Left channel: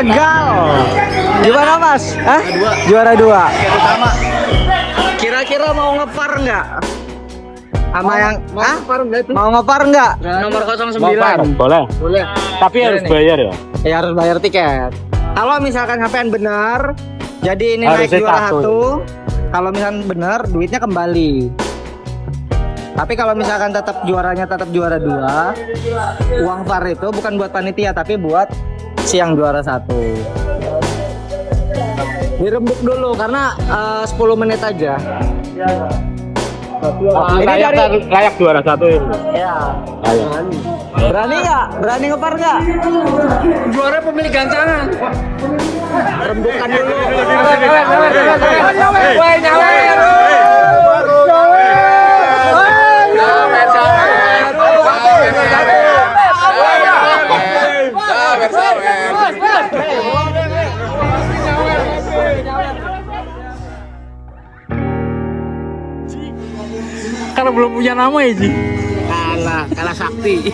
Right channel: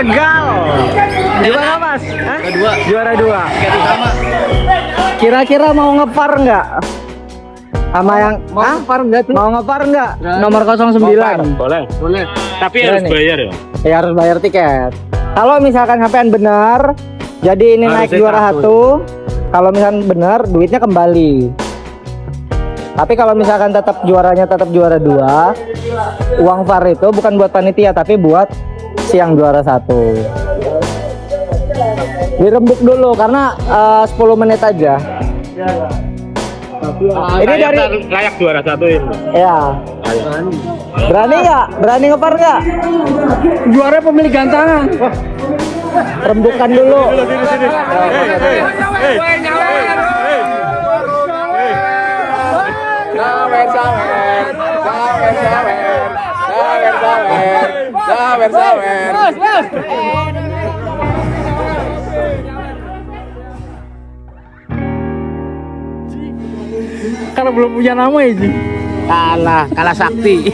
Tegal. Gimana Mas? Hah? Juara 2. Tiket utama. Kira-kira mau ngepar nggak? Sama yang mau ngepar nggak? Nomor 09. Boleh. Tapi harus bayar ya? Ya harus bayar tiket. Kalau misalkan sampean benar, jadi ini naik juara 1. Kalau misalkan benar, duitnya kembali. Tapi kalau misalkan tetap juaranya tetap juara 2, uang VAR itu bukan buat panitia tapi buat si yang juara 1. Dirembuk dulu karena 10 menit aja. Ini dari layak juara 1 ini. Ya. Berani nggak? Berani ngepar nggak? Juara pemilik gantangan. Rembukan dulu. Karena belum punya nama ya Ji. Kalah sakti.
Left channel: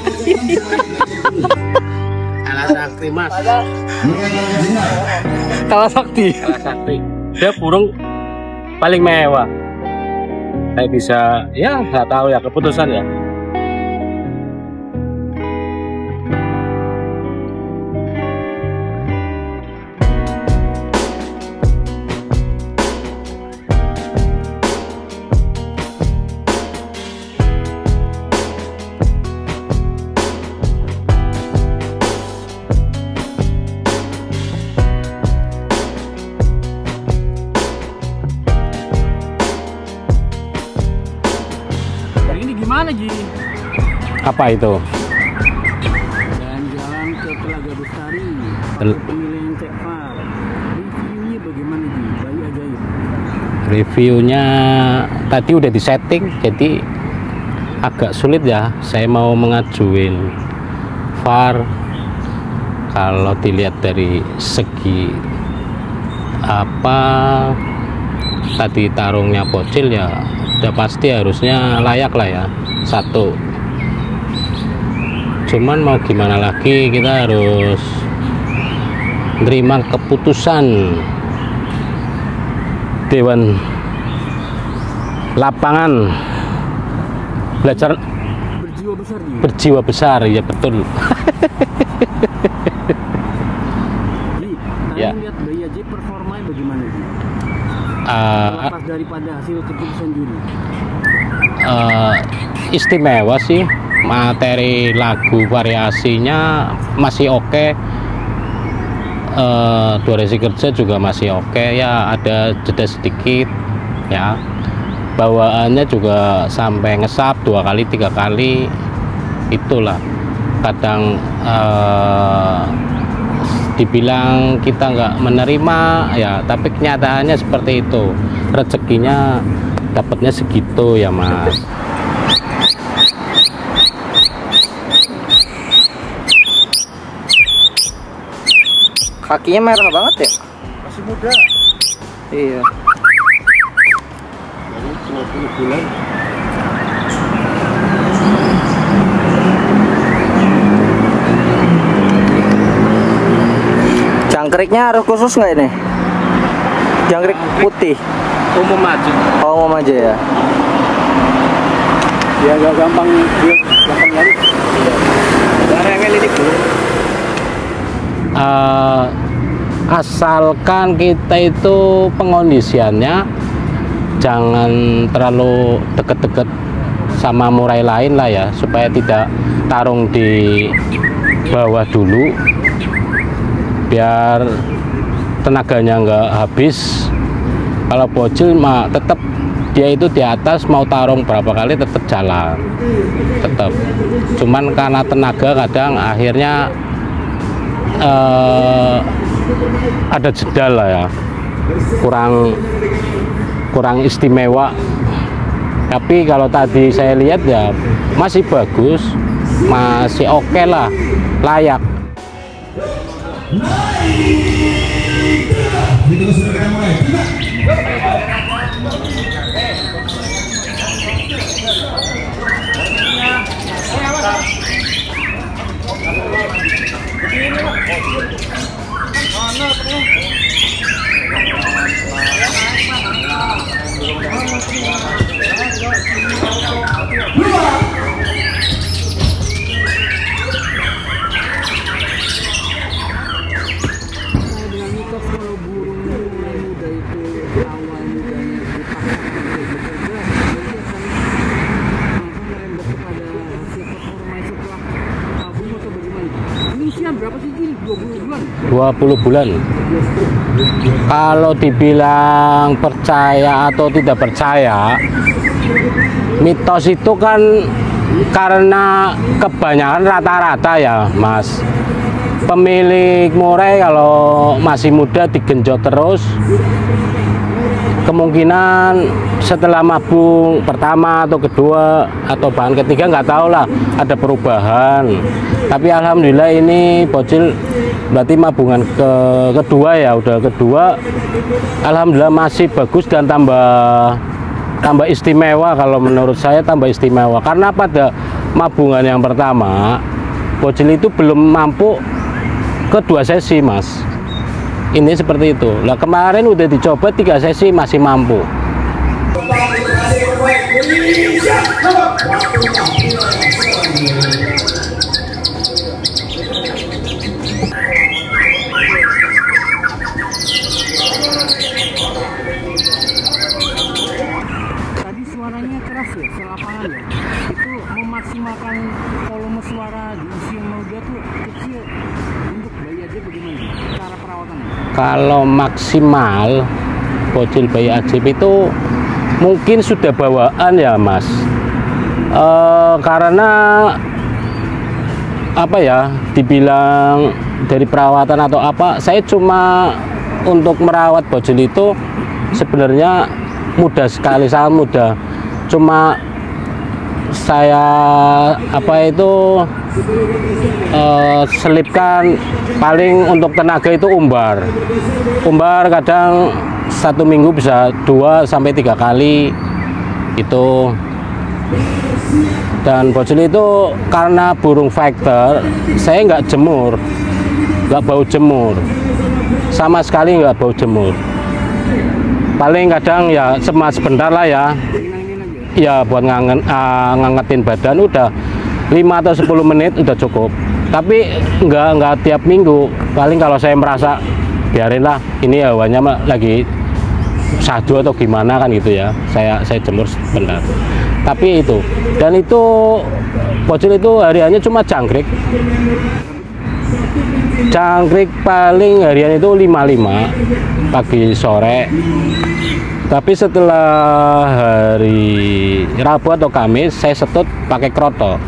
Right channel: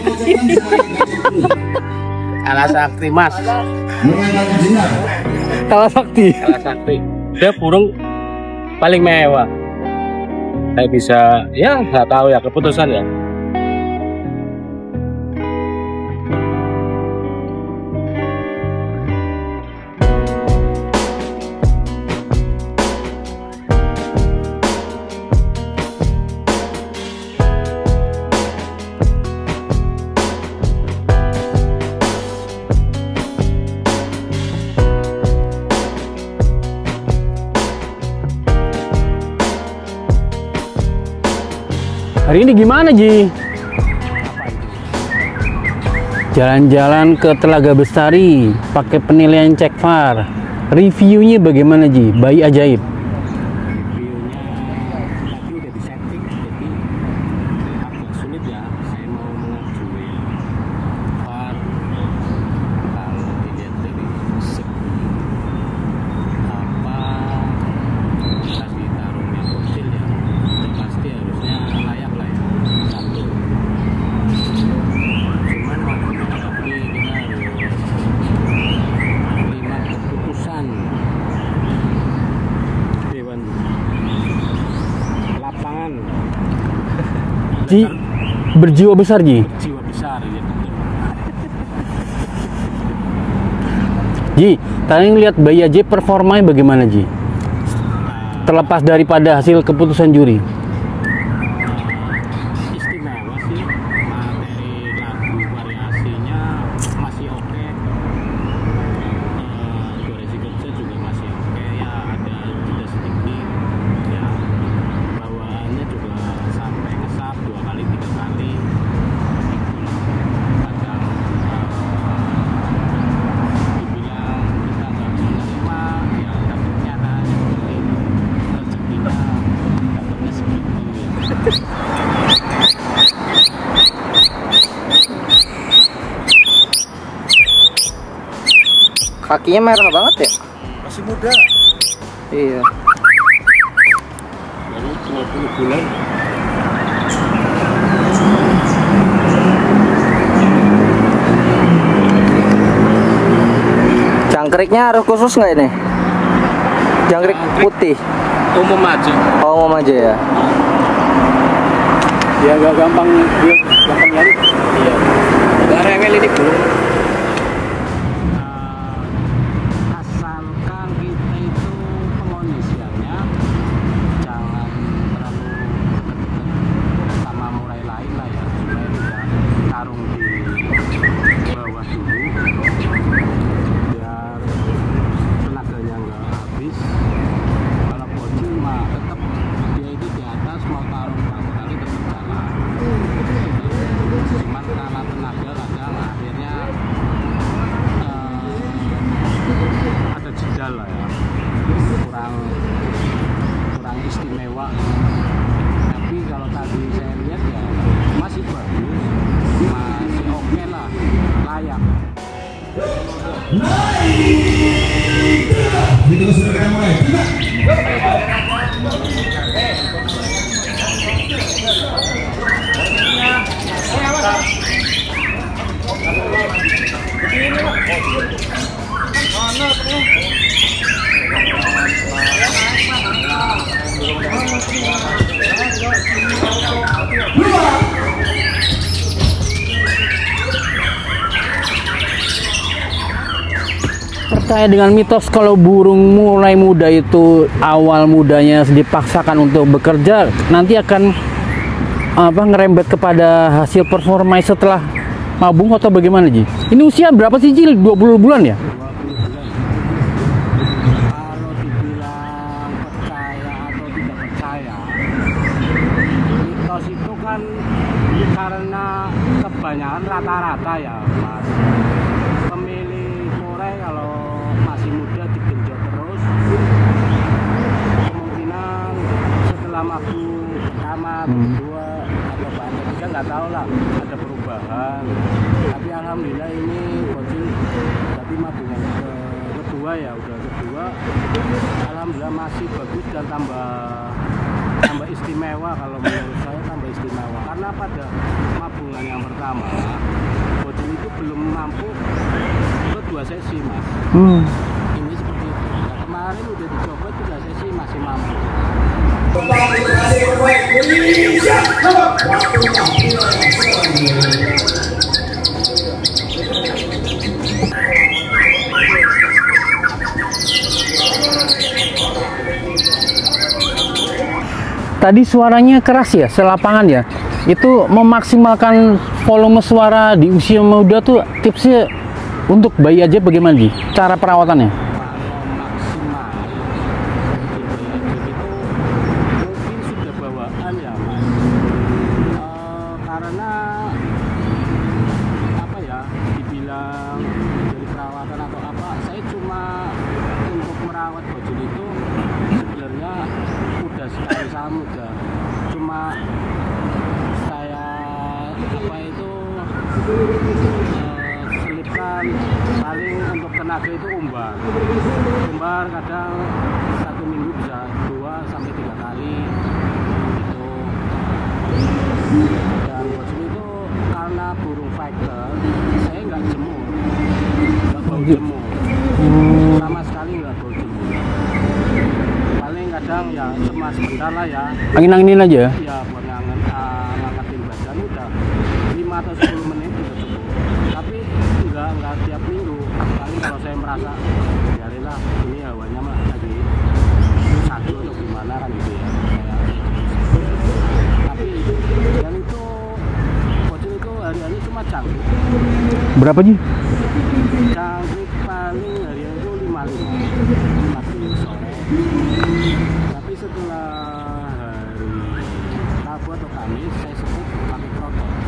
Kalah sakti Mas. Kalah sakti. Dia burung paling mewah. Saya bisa, ya nggak tahu ya keputusan ya. Hari ini gimana Ji? Apa itu? Jalan-jalan ke Telaga Bestari pakai penilaian cek VAR. Reviewnya bagaimana Ji? Bayi ajaib. Reviewnya tadi udah disetting, jadi agak sulit ya. Saya mau mengajuin VAR. Kalau dilihat dari segi apa tadi tarungnya bocil ya, udah pasti harusnya layak lah ya 1. Cuman mau gimana lagi, kita harus menerima keputusan Dewan Lapangan. Berjiwa besar Ji. Berjiwa besar, ya betul. Ji, tadi lihat bayi ajaib performanya bagaimana Ji? Terlepas daripada hasil keputusan juri. Istimewa sih, materi lagu variasinya masih oke. Durasi kerja juga masih oke, ya ada jeda sedikit ya. Bawaannya juga sampai ngesap 2 kali 3 kali, itulah kadang dibilang kita nggak menerima ya, tapi kenyataannya seperti itu, rezekinya dapatnya segitu ya Mas. Kakinya merah banget ya? Masih muda. Iya. Baru 20 bulan. Jangkriknya harus khusus nggak ini? Jangkrik putih? Umum aja. Oh, umum aja ya? Ya agak gampang nyari. Iya. Nggak rewel ini bro. Asalkan kita itu pengondisiannya jangan terlalu deket-deket sama murai lain lah ya, supaya tidak tarung di bawah dulu, biar tenaganya nggak habis. Kalau bocil mah tetap dia itu di atas, mau tarung berapa kali tetap jalan, tetap. Cuman karena tenaga kadang akhirnya ada jeda lah ya, kurang istimewa. Tapi kalau tadi saya lihat ya masih bagus, masih oke lah, layak. Percaya dengan mitos kalau burung mulai muda itu awal mudanya dipaksakan untuk bekerja, nanti akan ngerembet kepada hasil performa setelah mabung atau bagaimana Ji? Ini usia berapa sih Ji? 20 bulan ya? 20 bulan. Kalau dibilang percaya atau tidak percaya, mitos itu kan karena kebanyakan rata-rata ya Mas. Pemilik murai kalau masih muda digenjot terus, kemungkinan setelah mabung pertama atau kedua atau bahkan ketiga nggak tahu lah ada perubahan. Tapi alhamdulillah ini bocil berarti mabungan kedua ya, udah kedua, alhamdulillah masih bagus dan tambah istimewa. Kalau menurut saya tambah istimewa karena pada mabungan yang pertama bocil itu belum mampu ke 2 sesi Mas. Ini seperti itu. Nah kemarin udah dicoba 3 sesi masih mampu. Tadi suaranya keras ya, selapangan ya. Itu memaksimalkan volume suara di usia muda tuh tipsnya untuk bayi ajaib bagaimana Ji? Cara perawatannya? Kalau maksimal bocil bayi ajaib itu mungkin sudah bawaan ya Mas. Karena apa ya, dibilang dari perawatan atau apa, saya cuma untuk merawat bocil itu sebenarnya mudah sekali, sangat mudah. Cuma saya selipkan paling untuk tenaga itu umbar kadang 1 minggu bisa 2 sampai 3 kali itu. Dan bocil itu karena burung fighter, saya nggak jemur, nggak bau jemur sama sekali, nggak bau jemur. Paling kadang ya sebentar lah ya, angin-anginin aja ya buat ngangetin badan udah. 5 atau 10 menit udah cukup. Tapi nggak tiap minggu. Paling kalau saya merasa biarinlah ini hawanya lagi sadu atau gimana kan gitu ya. Saya jemur sebentar. Tapi itu, dan itu bocil itu hariannya cuma jangkrik. Berapa Ji? Jangkrik paling harian itu 55 pagi sore. Tapi setelah hari Rabu atau Kamis saya setut pakai kroto.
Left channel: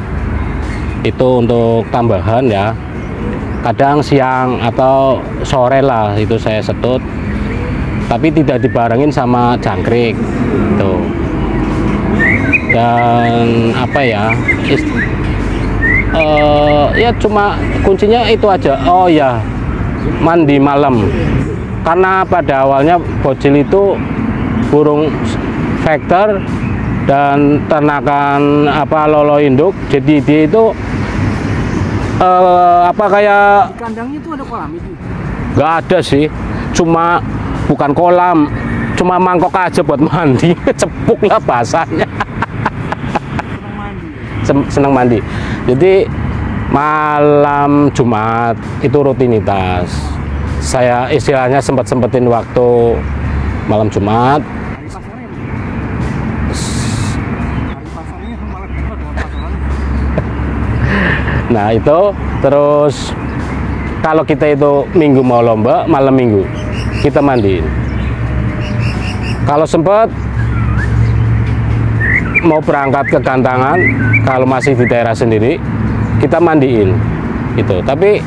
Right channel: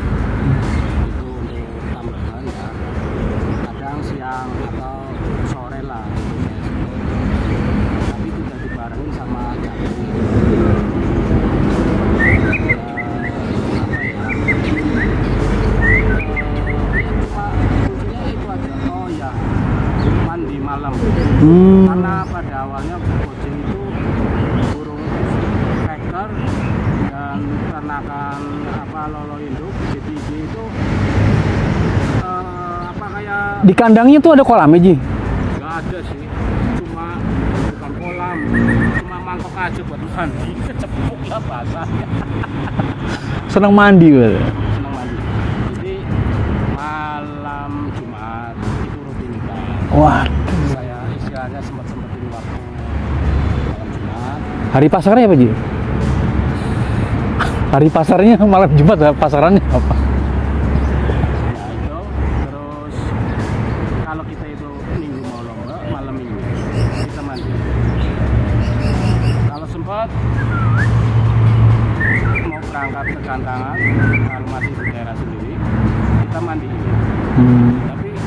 Itu untuk tambahan ya. Kadang siang atau sore lah itu saya setut. Tapi tidak dibarengin sama jangkrik. Tuh. Dan apa ya? Ya cuma kuncinya itu aja. Oh ya, mandi malam. Karena pada awalnya bocil itu burung vektor dan ternakan lolo induk, jadi dia itu kayak Di kandangnya tuh ada kolamnya Ji? nggak ada sih, cuma bukan kolam, cuma mangkok aja buat mandi. Cepuk lah bahasanya. Senang mandi gitu. Senang mandi. Jadi malam Jumat itu rutinitas. Wah. Saya istilahnya sempetin waktu malam Jumat. Hari pasarnya apa Ji? Hari pasarnya malam Jumat, pasarannya apa? Nah itu terus kalau kita itu minggu mau lomba, malam minggu kita mandi. Kalau sempat mau berangkat ke gantangan, kalau masih di daerah sendiri kita mandiin itu. Tapi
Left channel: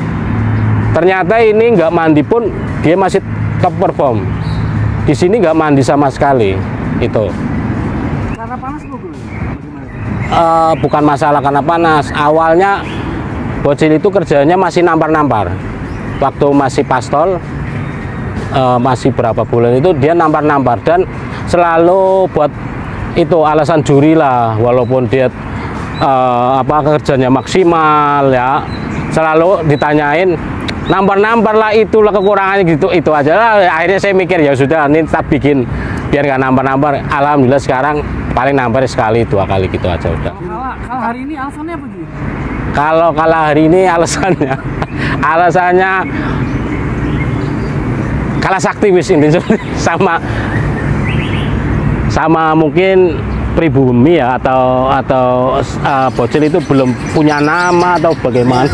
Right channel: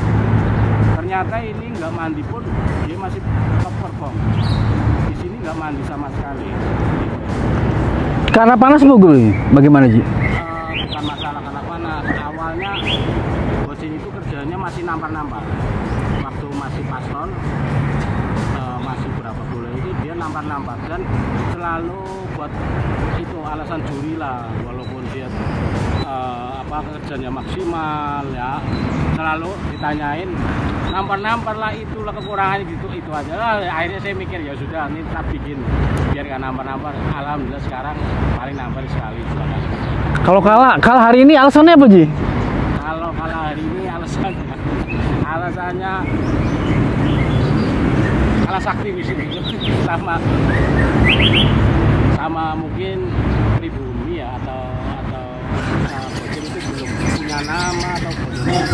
ternyata ini nggak mandi pun dia masih top perform. Di sini nggak mandi sama sekali itu. Karena panas mogul, bagaimana Ji? Bukan masalah karena panas. Awalnya bocil itu kerjanya masih nampar-nampar. Waktu masih pastol, masih berapa bulan itu dia nampar-nampar dan selalu buat itu alasan juri lah. Walaupun dia kerjanya maksimal ya, selalu ditanyain nampar-nampar lah, itulah kekurangannya gitu, itu aja lah. Akhirnya saya mikir ya sudah, ini tak bikin biar nggak nampar-nampar. Alhamdulillah sekarang paling nampar sekali 2 kali gitu aja. Kalau kalah hari ini alasannya apa Ji? Kalau kalah hari ini alasannya kalah sakti wis ini sama mungkin pribumi ya atau bocil itu belum punya nama atau bagaimana.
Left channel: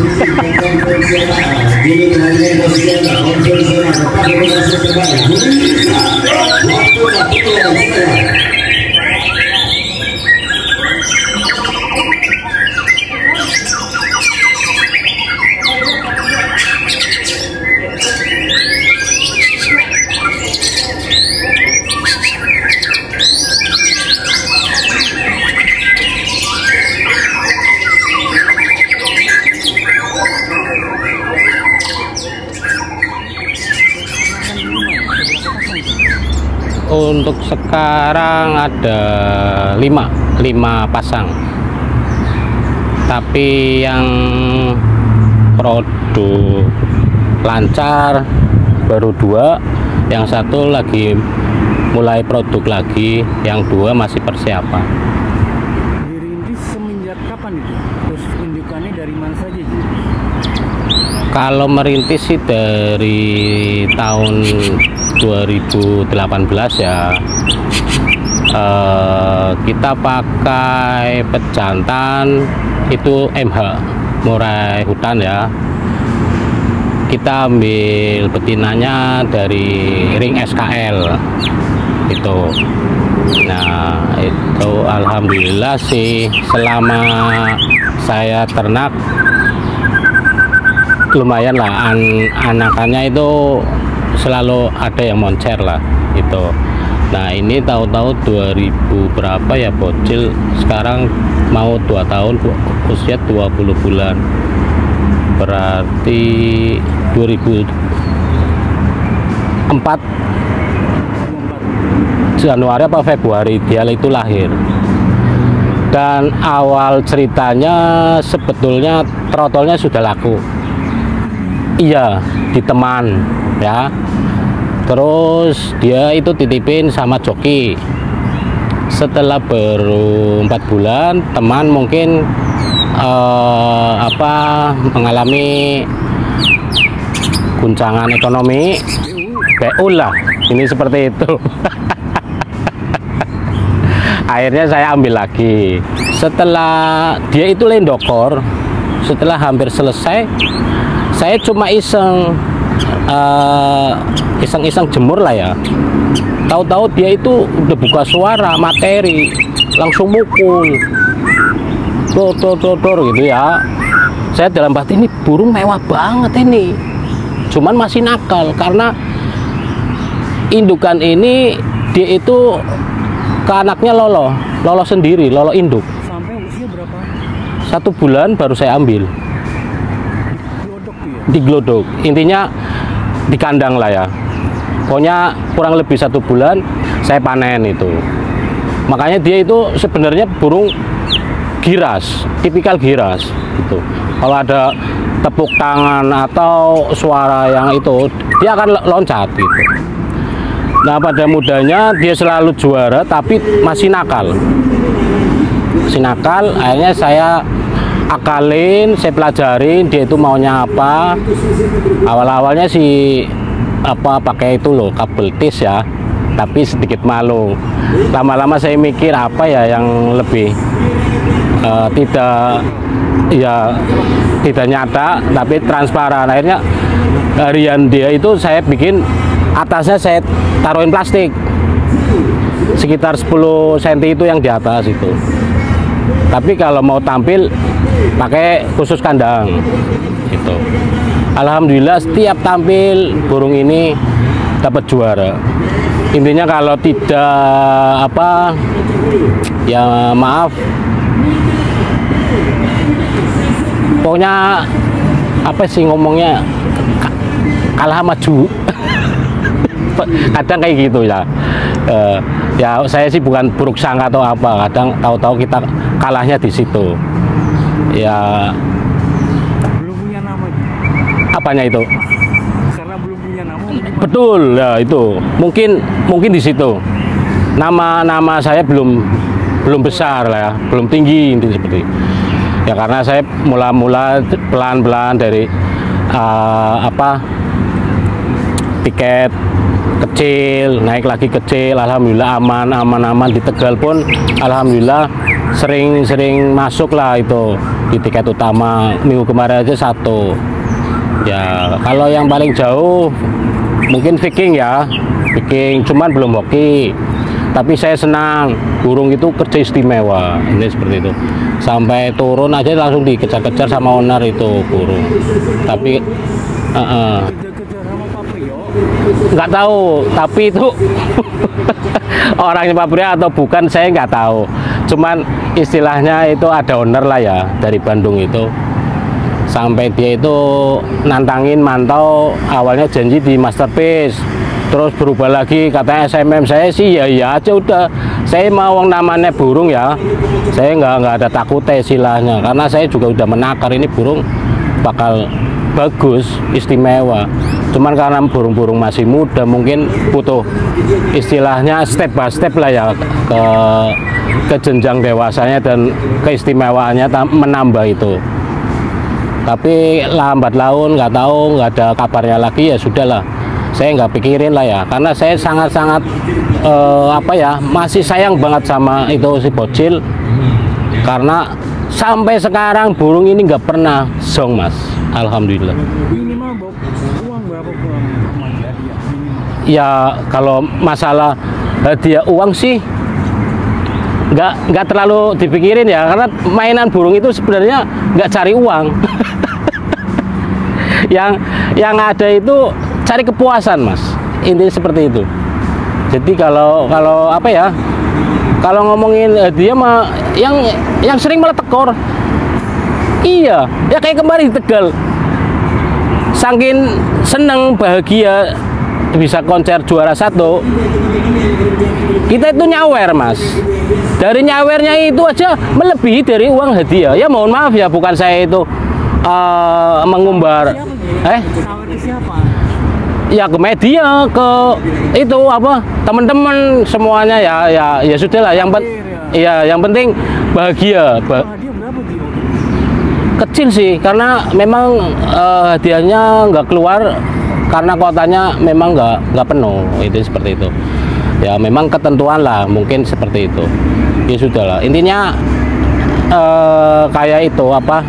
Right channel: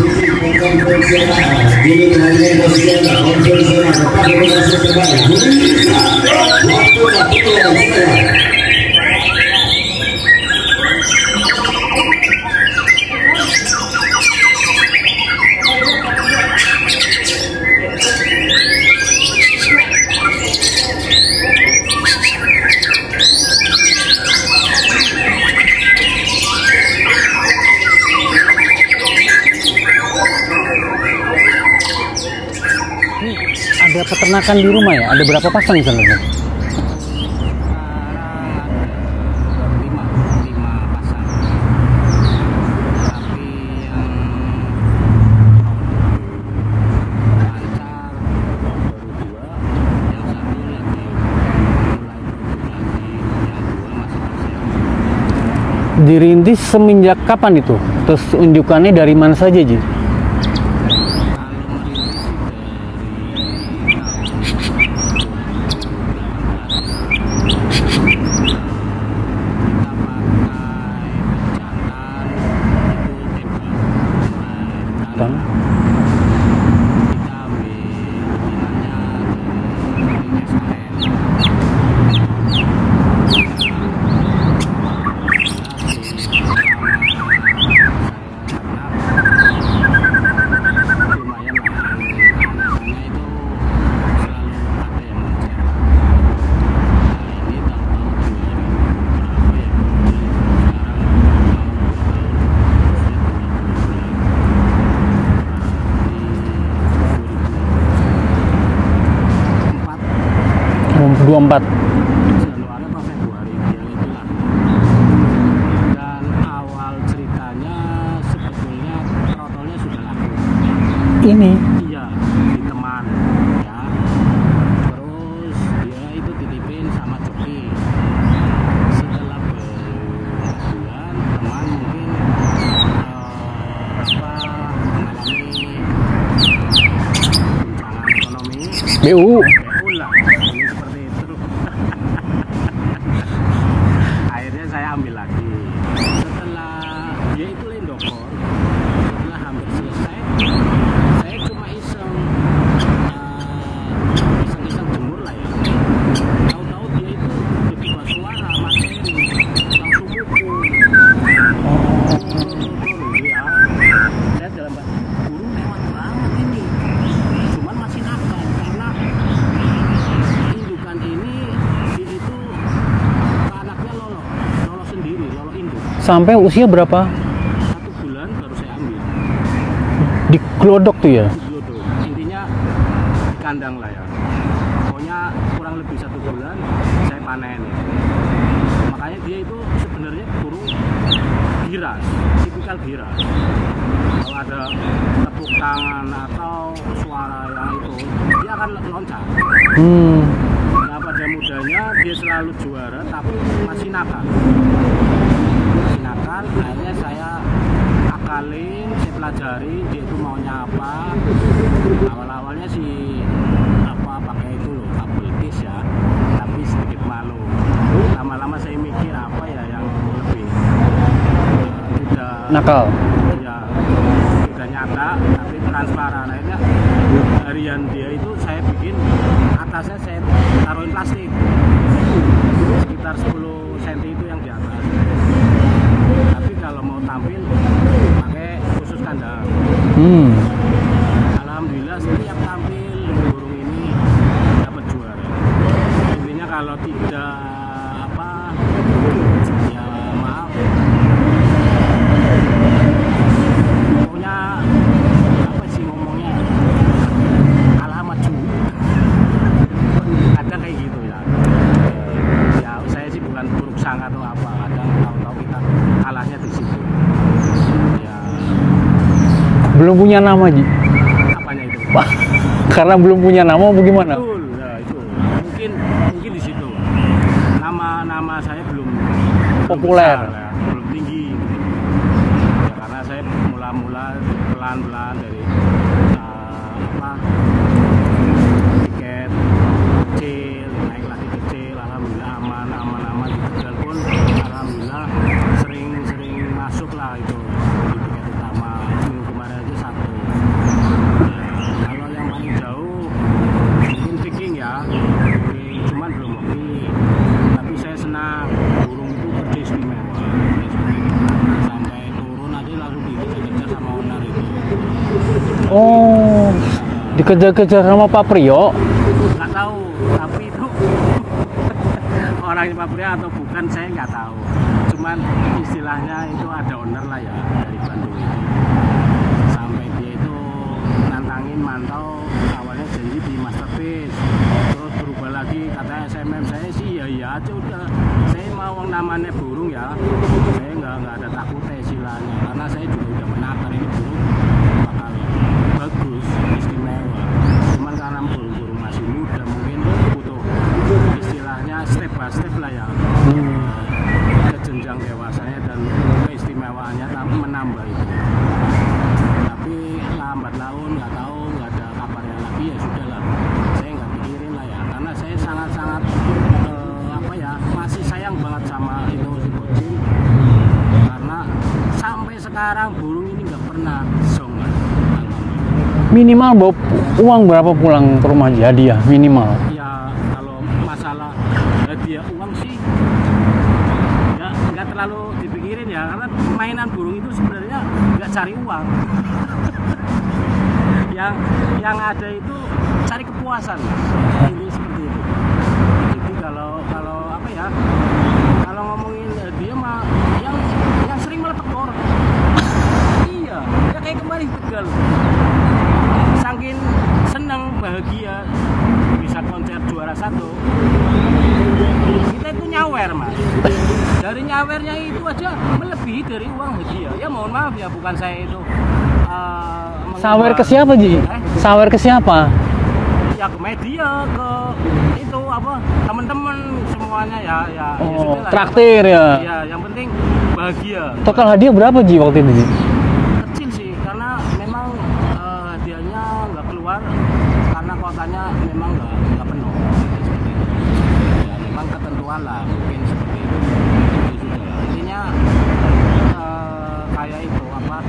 Peternakan di rumah ya, ada berapa pasang di sana? Untuk sekarang ada 5 pasang. Tapi yang produk lancar baru 2, yang 1 lagi mulai produk lagi, yang 2 masih persiapan. Dirintis semenjak kapan itu? Terus unjukannya dari mana saja Ji? Kalau merintis sih dari tahun 2018 ya. Kita pakai pejantan itu MH murai hutan ya. Kita ambil betinanya dari ring SKL itu. Nah itu alhamdulillah sih selama saya ternak lumayan lah, anakannya itu selalu ada yang moncer lah itu. Nah ini tahu-tahu 2000 berapa ya bocil, sekarang mau 2 tahun usia 20 bulan, berarti 2024 Januari apa Februari dia itu lahir. Dan awal ceritanya sebetulnya trotolnya sudah laku. Ini? Iya, di teman ya. Terus dia itu titipin sama joki. Setelah baru 4 bulan, teman mungkin mengalami guncangan ekonomi, BU lah, ini seperti itu. Akhirnya saya ambil lagi. Setelah dia itu lendokor, setelah hampir selesai, saya cuma iseng jemur lah ya. Tahu-tahu dia itu udah buka suara materi, langsung mukul, tor gitu ya. Saya dalam batin, ini burung mewah banget ini. Cuman masih nakal karena indukan ini dia itu ke anaknya lolo sendiri, lolo induk. Sampai usia berapa? 1 bulan baru saya ambil. Diglodok tuh ya? Diglodok. Intinya di kandang lah ya. Pokoknya kurang lebih 1 bulan saya panen itu. Makanya dia itu sebenarnya burung giras, tipikal giras. Gitu. Kalau ada tepuk tangan atau suara yang itu, dia akan loncat. Gitu. Nah pada mudanya dia selalu juara, tapi masih nakal. Masih nakal. Akhirnya saya akalin, saya pelajarin dia itu maunya apa. Awal-awalnya sih pakai itu loh, kabel tis ya, tapi sedikit malu. Lama-lama saya mikir apa ya yang lebih tidak nakal. Ya tidak nyata tapi transparan. Akhirnya harian dia itu saya bikin atasnya saya taruhin plastik sekitar 10 cm itu yang di atas itu. Tapi kalau mau tampil pakai khusus kandang gitu. Alhamdulillah setiap tampil burung ini dapat juara. Intinya kalau tidak ya maaf, pokoknya apa sih ngomongnya, kalah maju. Kadang kayak gitu ya. Ya saya sih bukan buruk sangka atau apa, kadang tahu-tahu kita kalahnya di situ. Ya belum punya nama Ji. Apanya itu? Karena belum punya nama gimana? Betul, ya itu. Mungkin di situ. Nama saya belum besar lah ya, belum tinggi seperti. Ya karena saya mula-mula pelan-pelan dari tiket kecil, naik lagi kecil, alhamdulillah aman di Tegal pun alhamdulillah sering masuk lah itu di tiket utama. Minggu kemarin aja 1. Ya kalau yang paling jauh mungkin Viking ya, Viking, cuman belum hoki. Tapi saya senang, burung itu kerja istimewa, ini seperti itu. Sampai turun aja langsung dikejar-kejar sama owner itu burung. Tapi dikejar-kejar sama Pak Priyo? Nggak tahu, tapi itu orangnya Pak Priyo atau bukan saya nggak tahu. Cuman istilahnya itu ada owner lah ya dari Bandung itu. Sampai dia itu nantangin mantau, awalnya janji di Masterpiece, terus berubah lagi katanya SMM. Saya sih ya aja udah, saya mau namanya burung ya, saya nggak ada takutnya istilahnya, karena saya juga udah menakar ini burung bakal bagus, istimewa. Cuman karena burung-burung masih muda mungkin butuh istilahnya step by step lah ya ke jenjang dewasanya dan keistimewaannya menambah itu. Tapi lambat laun nggak tahu, nggak ada kabarnya lagi, ya sudahlah. Saya nggak pikirin lah ya, karena saya sangat-sangat masih sayang banget sama itu si bocil. Karena sampai sekarang burung ini nggak pernah zong mas, alhamdulillah. Minimal bawa uang berapa pulang ke rumah hadiah minimal? Ya kalau masalah hadiah uang sih nggak terlalu dipikirin ya, karena mainan burung itu sebenarnya nggak cari uang. yang ada itu cari kepuasan mas, intinya seperti itu. Jadi kalau ngomongin dia mah yang sering malah tekor. Iya ya, kayak kemarin di Tegal, saking seneng bahagia bisa konser juara 1, kita itu nyawer mas. Dari nyawernya itu aja melebihi dari uang hadiah. Ya mohon maaf ya, bukan saya itu mengumbar. Sawer ke siapa Ji? Sawer ke siapa? Ya ke media, ke itu teman-teman semuanya ya sudah lah. Yang penting bahagia. Total hadiah berapa Ji waktu itu? Kecil sih, karena memang hadiahnya nggak keluar karena kuotanya memang nggak penuh, itu seperti itu. Ya memang ketentuan lah, mungkin seperti itu. Ya sudah lah, intinya kayak itu apa?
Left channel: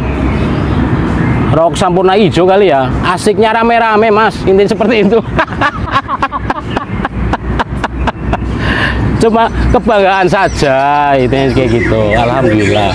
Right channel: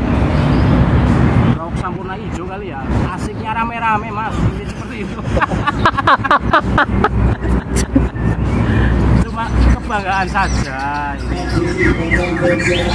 Rok sampurna hijau kali ya, asiknya rame-rame mas, intinya seperti itu. Cuma kebanggaan saja, itu kayak gitu. Alhamdulillah.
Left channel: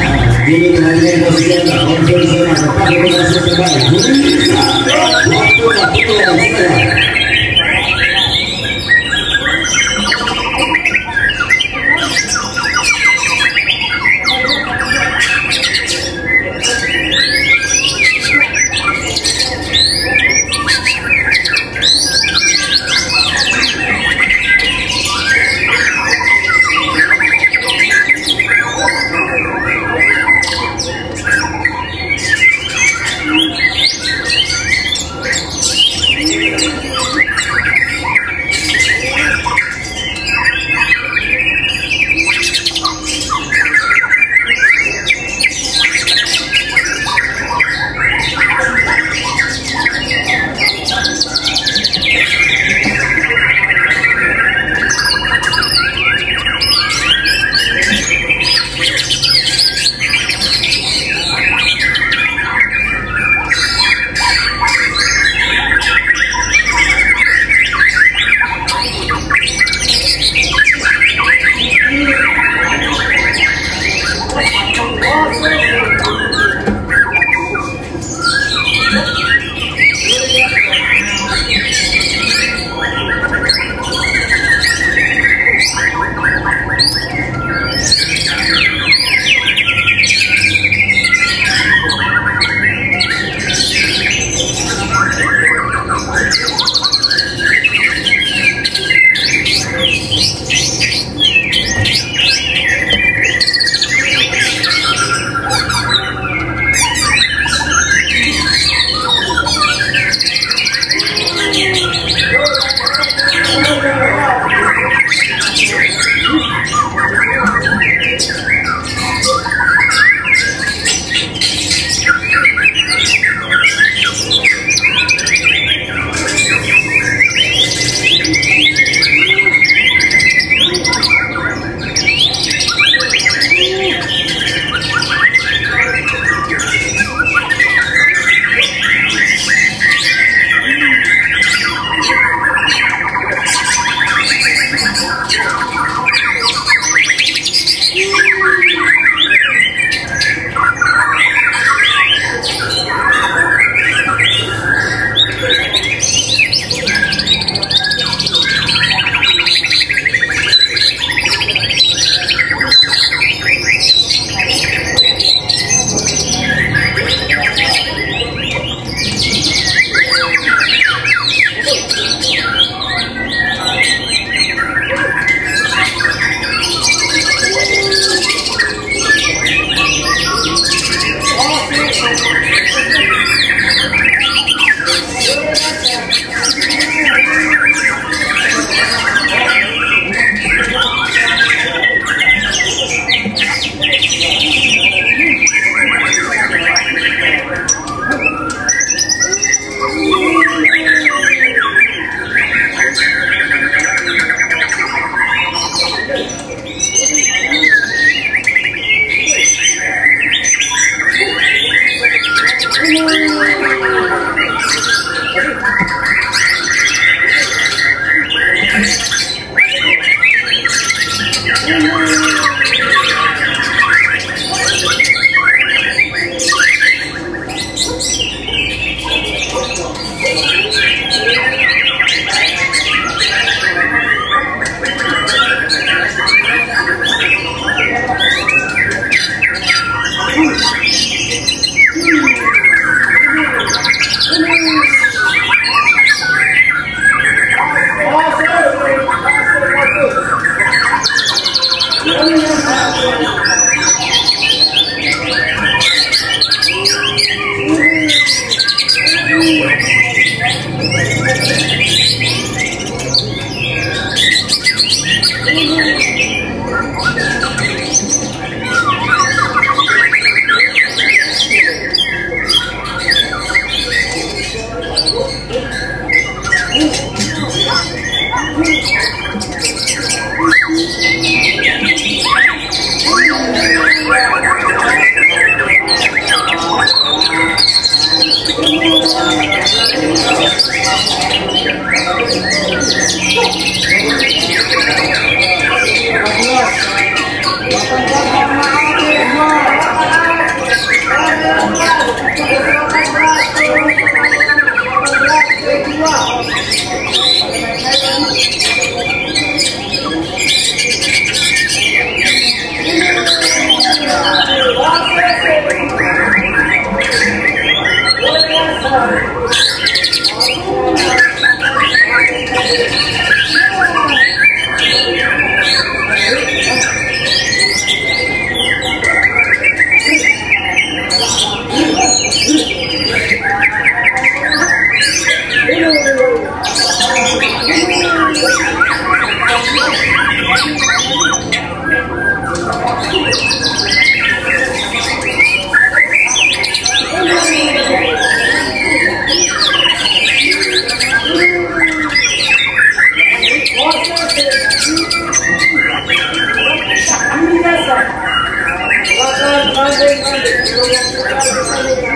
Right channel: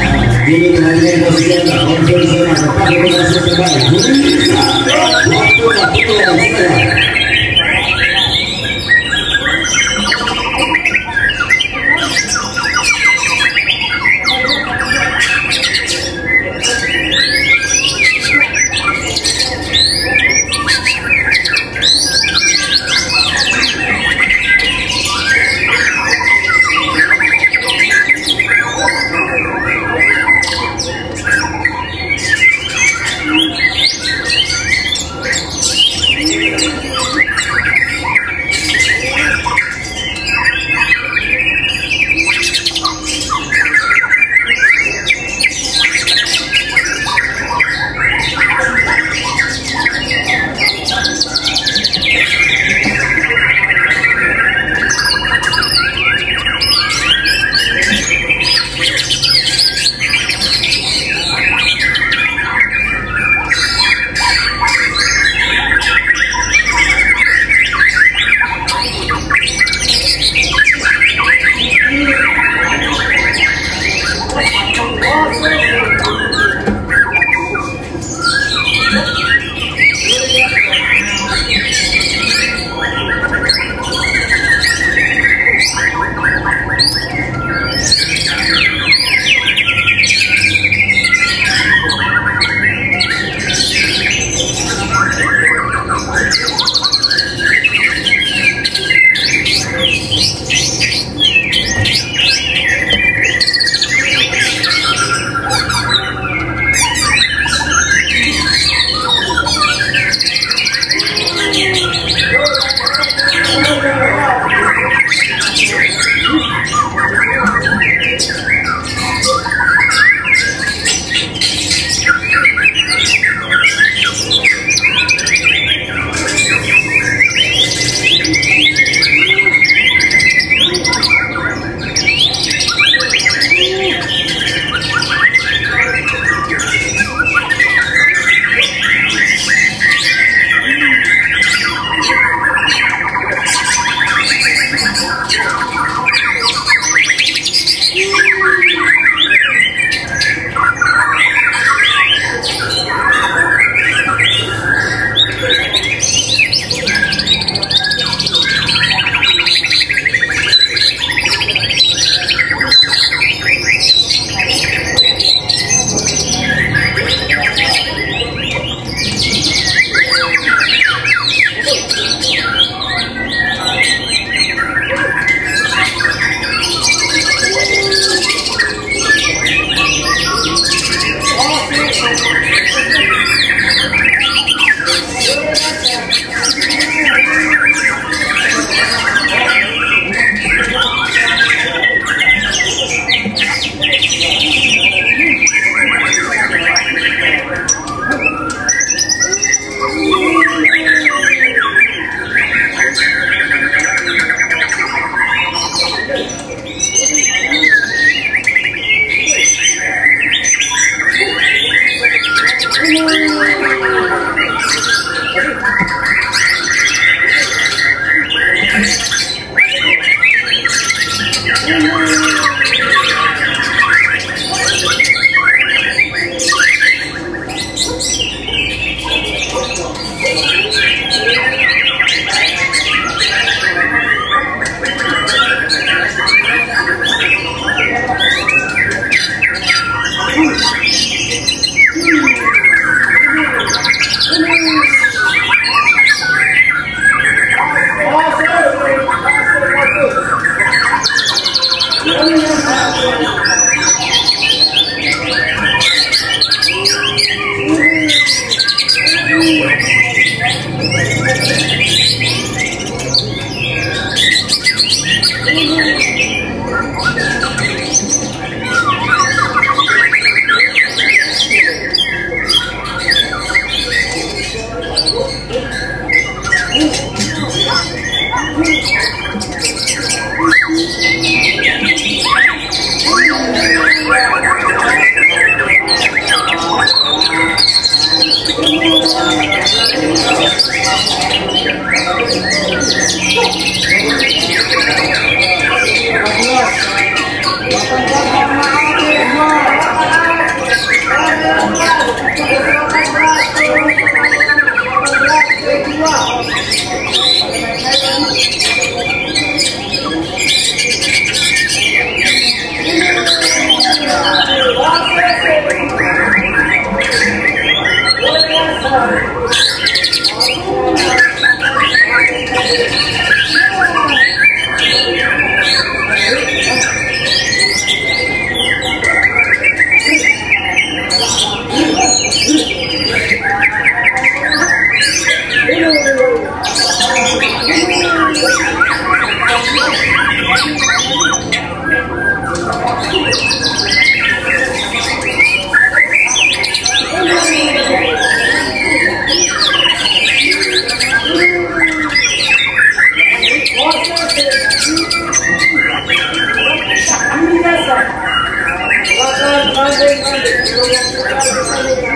Terima kasih.